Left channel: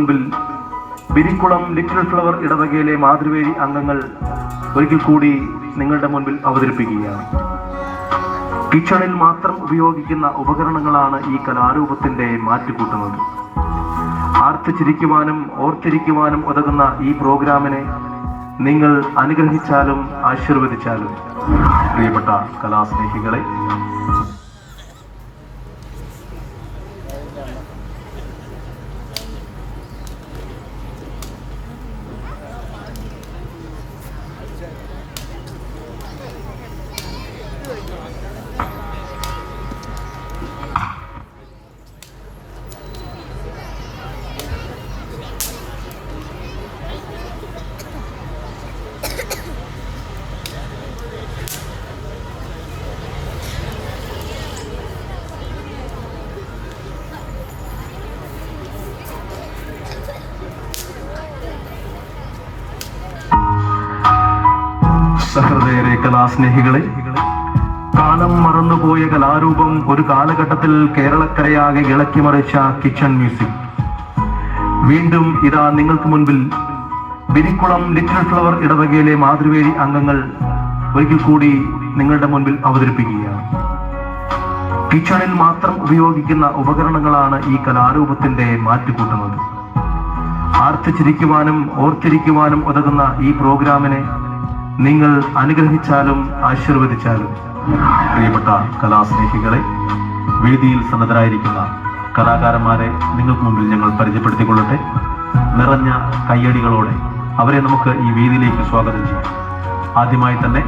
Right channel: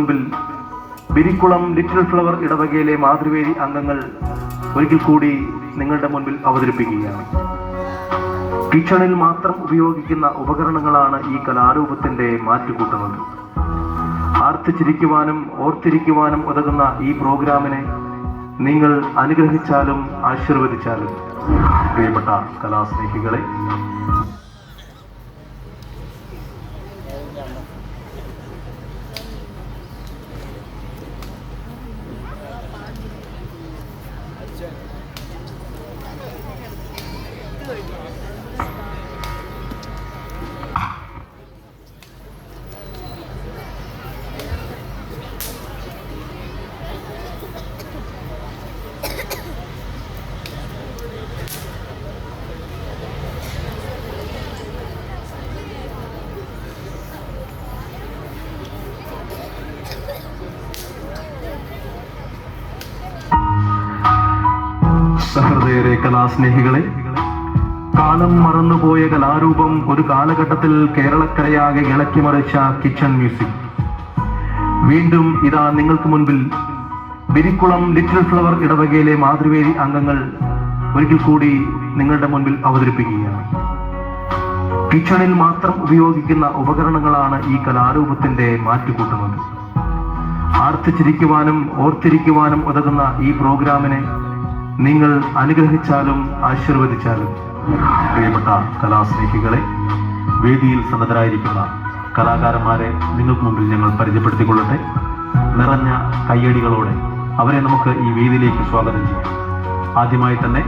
മുൻപിൽ Birikkulam little flower ഇടവകയിലെ മാതൃവേദി അംഗങ്ങൾ ഒരിക്കൽ കൂടി നിങ്ങളുടെ മുൻപിൽ അവതരിപ്പിക്കുകയാണ്. കിച്ചണിൽ മാത്രം ഉപയോഗിക്കുന്ന ഉപകരണങ്ങളാണ് ഈ കലാരൂപത്തിന്റെ മാറ്റുകൂട്ടുന്നത്. ആർത്തിച്ചിരിക്കുവാനും ഓർത്തിരിക്കുവാനും ഉതകുന്ന ഈ പ്രോഗ്രാമിനെ നിങ്ങൾ അനുഗ്രഹിച്ചാലും ആശീർവദിച്ചാലും പ്രിയപ്പെട്ട കലാസ്നേഹികളെ, സഹൃദയരെ, കലാസ്നേഹികളെ, കാലം മറന്നുപോയ കലാരൂപം ഒരു കാലഘട്ടത്തിൽ കേരളക്കരയാകെ ഇളക്കിമറിച്ച കിച്ചൺ മ്യൂസിക് വീണ്ടും ഇതാ നിങ്ങൾക്ക് മുൻപിൽ ബിരിക്കുളം ലിറ്റിൽ ഫ്ലവർ ഇടവകയിലെ മാതൃവേദി അംഗങ്ങൾ ഒരിക്കൽ കൂടി നിങ്ങളുടെ മുൻപിൽ അവതരിപ്പിക്കുകയാണ്. കിച്ചണിൽ മാത്രം ഉപയോഗിക്കുന്ന ഉപകരണങ്ങളാണ് ഈ കലാരൂപത്തിന്റെ മാറ്റുകൂട്ടുന്നത്. ആർത്തിച്ചിരിക്കുവാനും ഓർത്തിരിക്കുവാനും ഉതകുന്ന ഈ പ്രോഗ്രാമിനെ നിങ്ങൾ അനുഗ്രഹിച്ചാലും ആശീർവദിച്ചാലും പ്രിയപ്പെട്ട കലാസ്നേഹികളെ, വേദിയിൽ സന്നദ്ധരായിരിക്കുന്ന കലാകാരന്മാരെ നിങ്ങൾക്ക് മുമ്പിൽ ഞങ്ങൾ പരിചയപ്പെടുത്തിക്കൊള്ളട്ടെ. നിറഞ്ഞ കയ്യടികളോടെ അവരെ നമുക്ക് ഈ വേദിയിലേക്ക് സ്വാഗതം ചെയ്യാം. ആദ്യമായി തന്നെ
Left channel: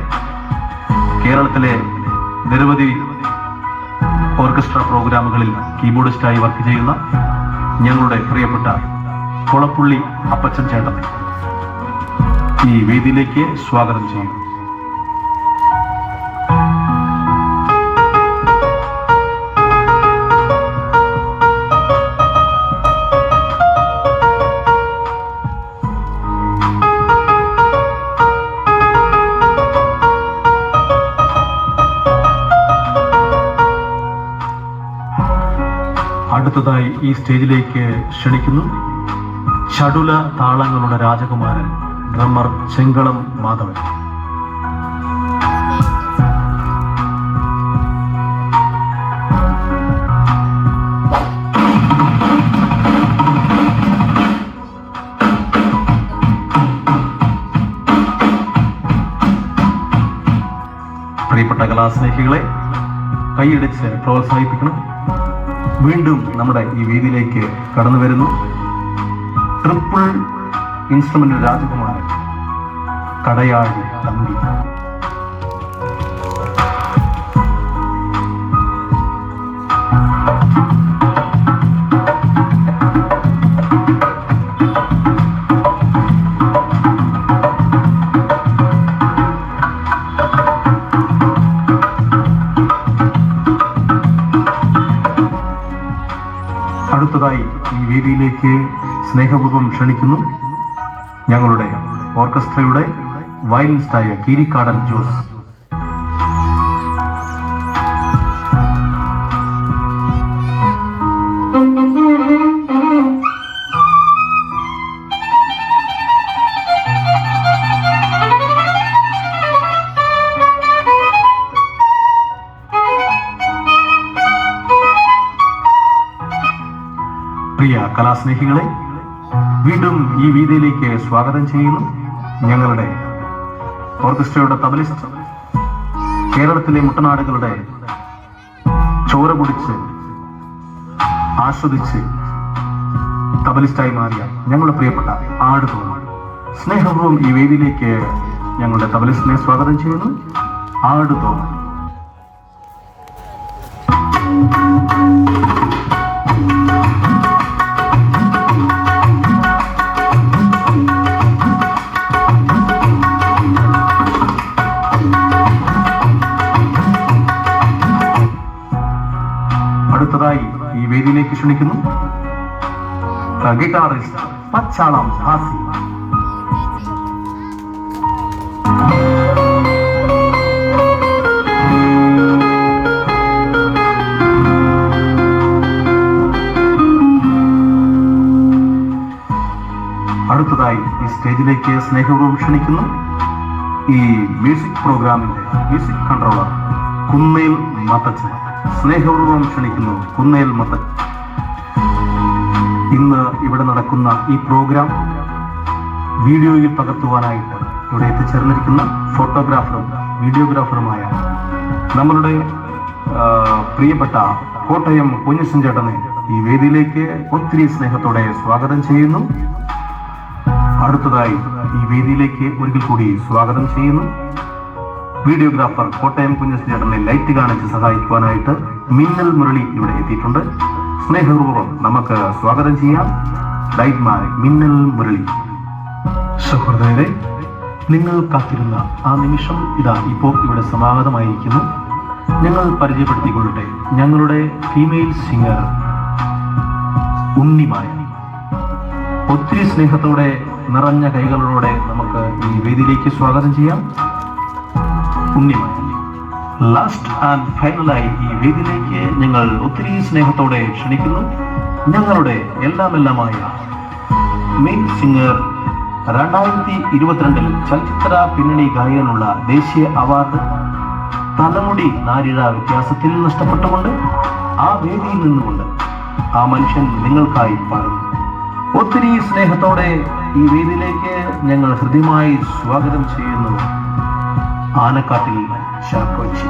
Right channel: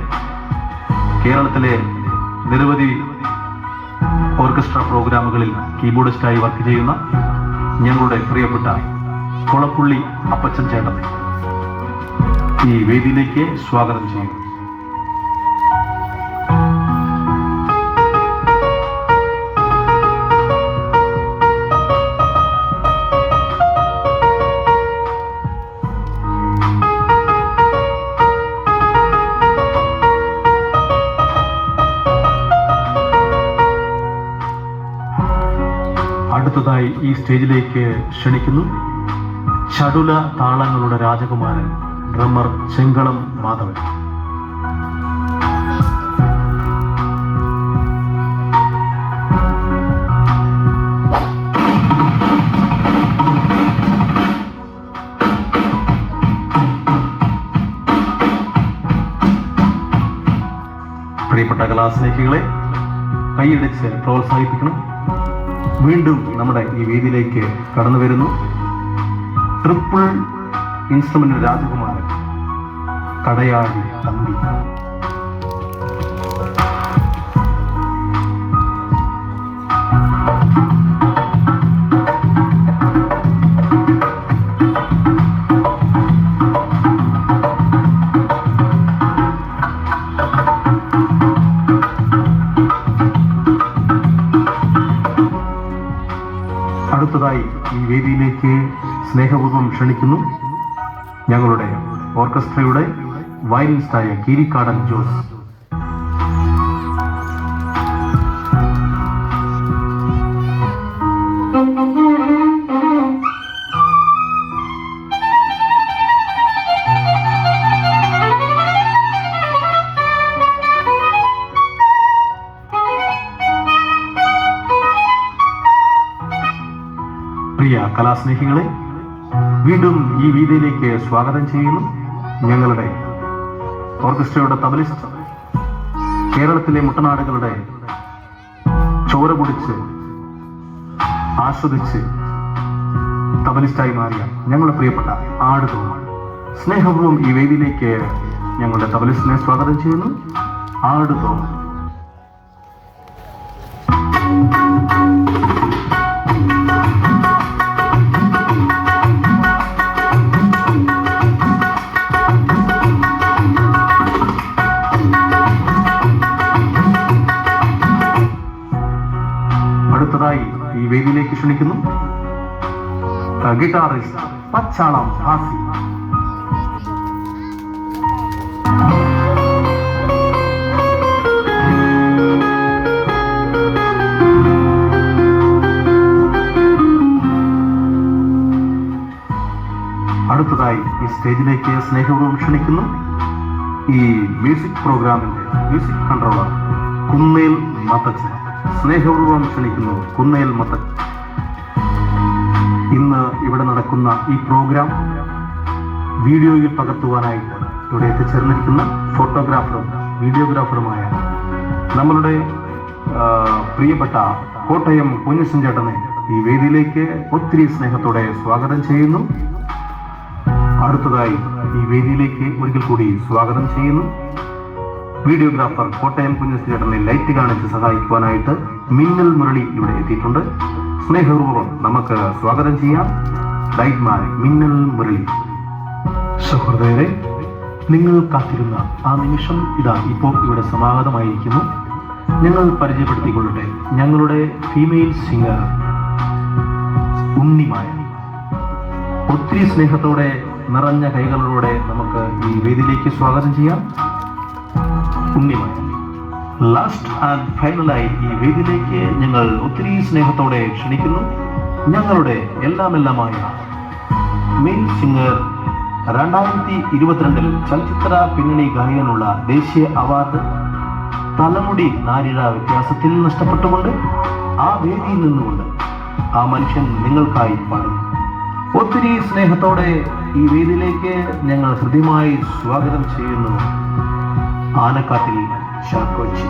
കേരളത്തിലെ നിരവധി ഓർക്കസ്ട്ര പ്രോഗ്രാമുകളിൽ കീബോർഡിസ്റ്റായി വർക്ക് ചെയ്യുന്ന ഞങ്ങളുടെ പ്രിയപ്പെട്ട കൊളപ്പുള്ളി അപ്പച്ചൻ ചേട്ടൻ ഈ വേദിയിലേക്ക് സ്വാഗതം ചെയ്യും. അടുത്തതായി ഈ സ്റ്റേജിലേക്ക് ക്ഷണിക്കുന്നു ചടുല താളങ്ങളുടെ രാജകുമാരൻ ഡ്രമ്മർ ചെങ്കളം മാധവൻ. പ്രിയപ്പെട്ട കലാസ്നേഹികളെ, കൈയടിച്ച് പ്രോത്സാഹിപ്പിക്കണം. വീണ്ടും നമ്മുടെ ഈ വേദിയിലേക്ക് കടന്നു വരുന്നു ട്രിപ്പിൾ ഇൻസ്ട്രുമെന്റ് രാജകുമാരൻ കടയാഴി തമ്പി. അടുത്തതായി ഈ വേദിയിലേക്ക് സ്നേഹപൂർവ്വം ക്ഷണിക്കുന്നു ഞങ്ങളുടെ ഓർക്കസ്ട്രയുടെ വയലിനിസ്റ്റായ കീരിക്കാടൻ ജോസ്. പ്രിയ കലാസ്നേഹികളെ, വീണ്ടും ഈ വേദിയിലേക്ക് സ്വാഗതം ചെയ്യുന്നു ഞങ്ങളുടെ ഓർക്കസ്ട്രയുടെ തബലിസ്റ്റ്, കേരളത്തിലെ മുട്ടനാടുകളുടെ ചോര കുടിച്ച് ആസ്വദിച്ച് തബലിസ്റ്റായി മാറിയ ഞങ്ങളുടെ പ്രിയപ്പെട്ട ആടുതോന്നാണ്. സ്നേഹപൂർവ്വം ഈ വേദിയിലേക്ക് ഞങ്ങളുടെ തബലിസ്റ്റിനെ സ്വാഗതം ചെയ്യുന്നു ആടുതോന്നാണ്. അടുത്തതായി ഈ വേദിയിലേക്ക് ക്ഷണിക്കുന്നു ഗിറ്റാറിസ്റ്റ് പച്ചാളം ഹാസി. അടുത്തതായി ഈ സ്റ്റേജിലേക്ക് സ്നേഹപൂർവ്വം ക്ഷണിക്കുന്നു ഈ മ്യൂസിക് പ്രോഗ്രാമിന്റെ മ്യൂസിക് കൺട്രോളർ കുന്നേൽ മത്തച്ചൻ. സ്നേഹപൂർവ്വം ക്ഷണിക്കുന്നു കുന്നേൽ മത്തച്ചൻ. ഇന്ന് ഇവിടെ നടക്കുന്ന ഈ പ്രോഗ്രാം വീഡിയോയിൽ പകർത്തുവാനായിട്ട് ഇവിടെ എത്തിച്ചേർന്നിരിക്കുന്ന ഫോട്ടോഗ്രാഫറും വീഡിയോഗ്രാഫറുമായ നമ്മളുടെ പ്രിയപ്പെട്ട കോട്ടയം കുഞ്ഞച്ചൻ ചേട്ടനെ ഈ വേദിയിലേക്ക് ഒത്തിരി സ്നേഹത്തോടെ സ്വാഗതം ചെയ്യുന്നു. അടുത്തതായി ഈ വേദിയിലേക്ക് ഒരിക്കൽ കൂടി സ്വാഗതം ചെയ്യുന്നു വീഡിയോഗ്രാഫർ കോട്ടയം കുഞ്ഞച്ചൻ ചേട്ടനെ ലൈറ്റ് കാണിച്ച് സഹായിക്കുവാനായിട്ട് മിന്നൽ മുരളി ഇവിടെ എത്തിയിട്ടുണ്ട്. സ്നേഹപൂർവ്വം നമുക്ക് സ്വാഗതം ചെയ്യാം ലൈറ്റ് മാൻ മിന്നൽ മുരളി. സഹൃദയരെ, നിങ്ങൾ കാത്തിരുന്ന ആ നിമിഷം ഇതാ ഇപ്പോൾ ഇവിടെ സമാഗതമായിരിക്കുന്നു. ഞങ്ങൾ പരിചയപ്പെടുത്തിക്കൊള്ളട്ടെ, ഞങ്ങളുടെ ഫീമെയിൽ സിംഗർ ഉണ്ണിമായ. ഒത്തിരി സ്നേഹത്തോടെ നിറഞ്ഞ കൈകളോടെ നമുക്ക് ഈ വേദിയിലേക്ക് സ്വാഗതം ചെയ്യാം ഉണ്ണിമായ. ലാസ്റ്റ് ആൻഡ് ഫൈനലായി ഈ വേദിയിലേക്ക് ഞങ്ങൾ ഒത്തിരി സ്നേഹത്തോടെ ക്ഷണിക്കുന്നു ഞങ്ങളുടെ എല്ലാമെല്ലാമായ മെയിൻ സിംഗർ. 2022 ചലച്ചിത്ര പിന്നണി ഗായകനുള്ള ദേശീയ അവാർഡ് തലമുടി നാരിഴ വ്യത്യാസത്തിൽ നഷ്ടപ്പെട്ടുകൊണ്ട് ആ വേദിയിൽ നിന്നുകൊണ്ട് ആ മനുഷ്യൻ നിങ്ങൾക്കായി പാടുന്നു. ഒത്തിരി സ്നേഹത്തോടെ ഈ വേദിയിലേക്ക് ഞങ്ങൾ ഹൃദ്യമായി സ്വാഗതം ചെയ്യുന്നു ആനക്കാട്ടിൽ ശാക്കോച്ചി.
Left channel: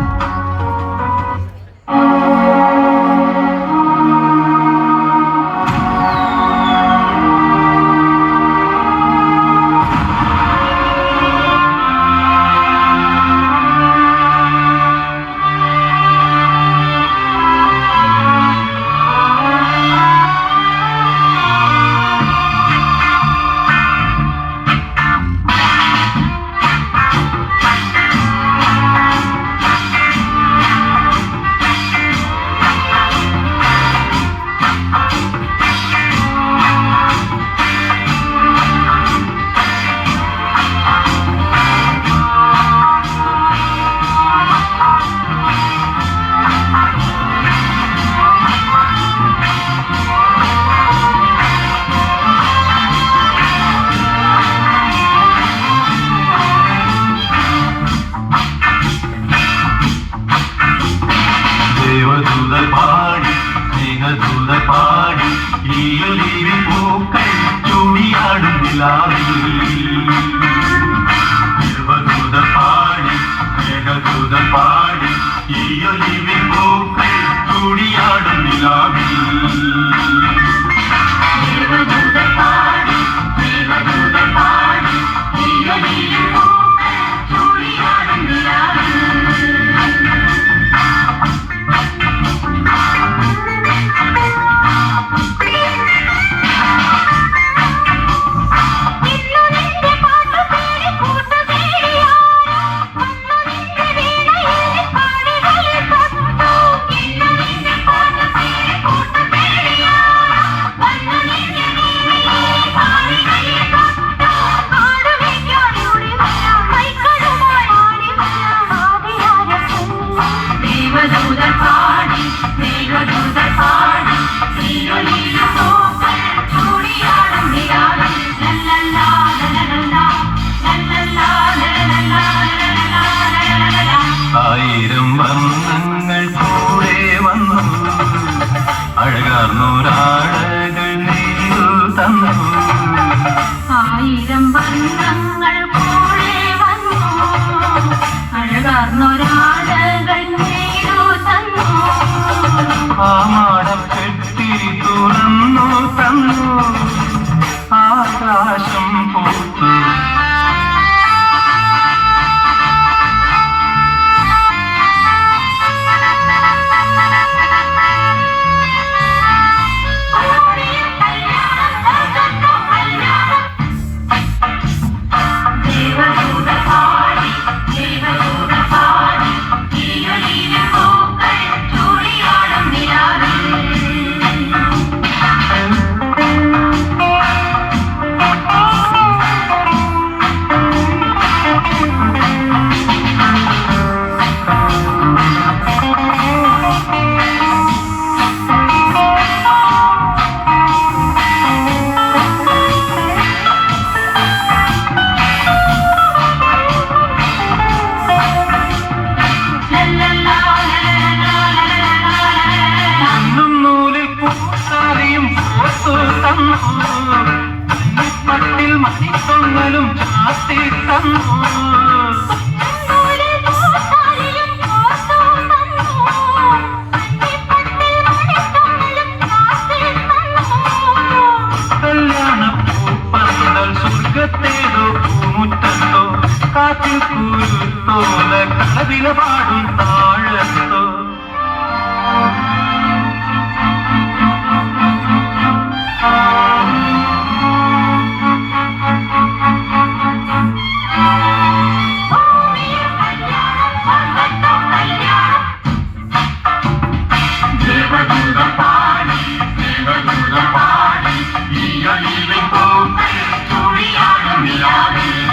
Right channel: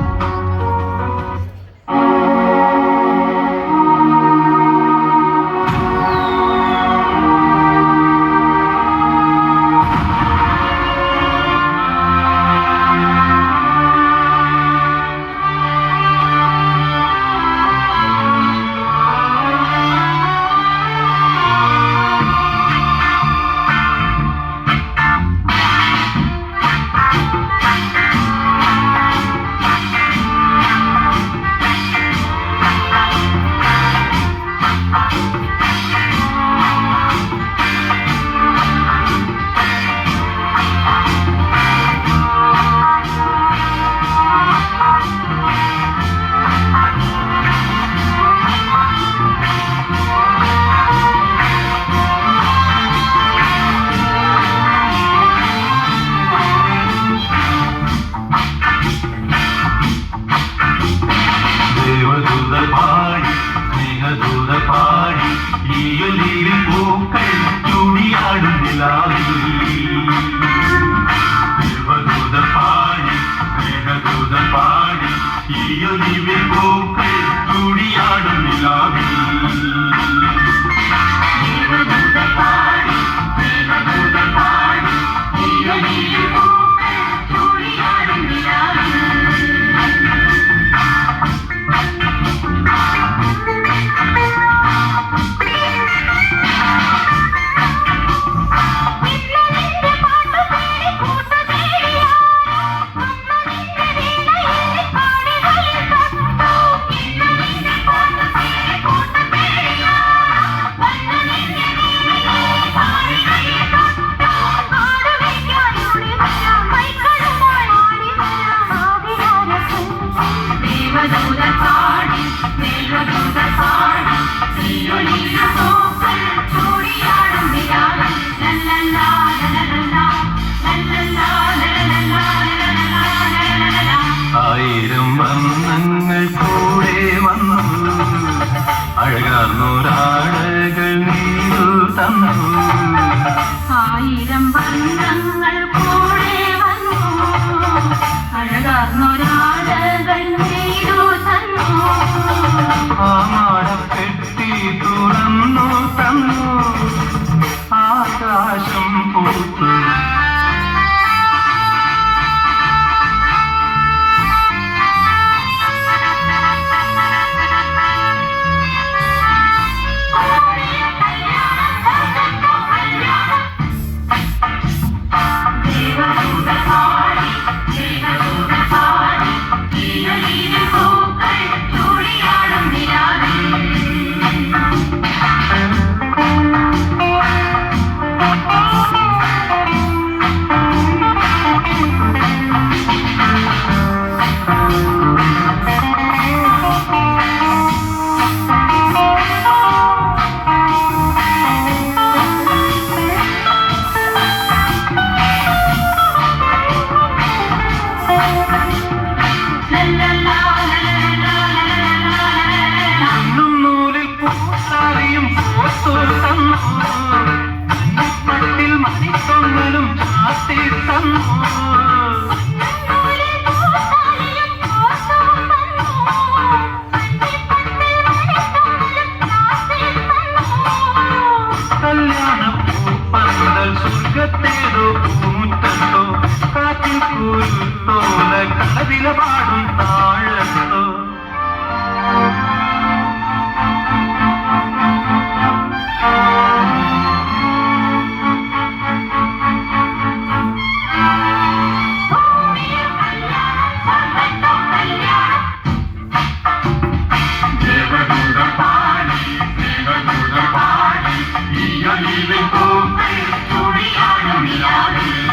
അകത്തേതോ പൂമുറ്റത്തോ കാറ്റിൽ കൂരുത്തോല കടവില പാടും താഴത്തോ You're leaving home, to be out of the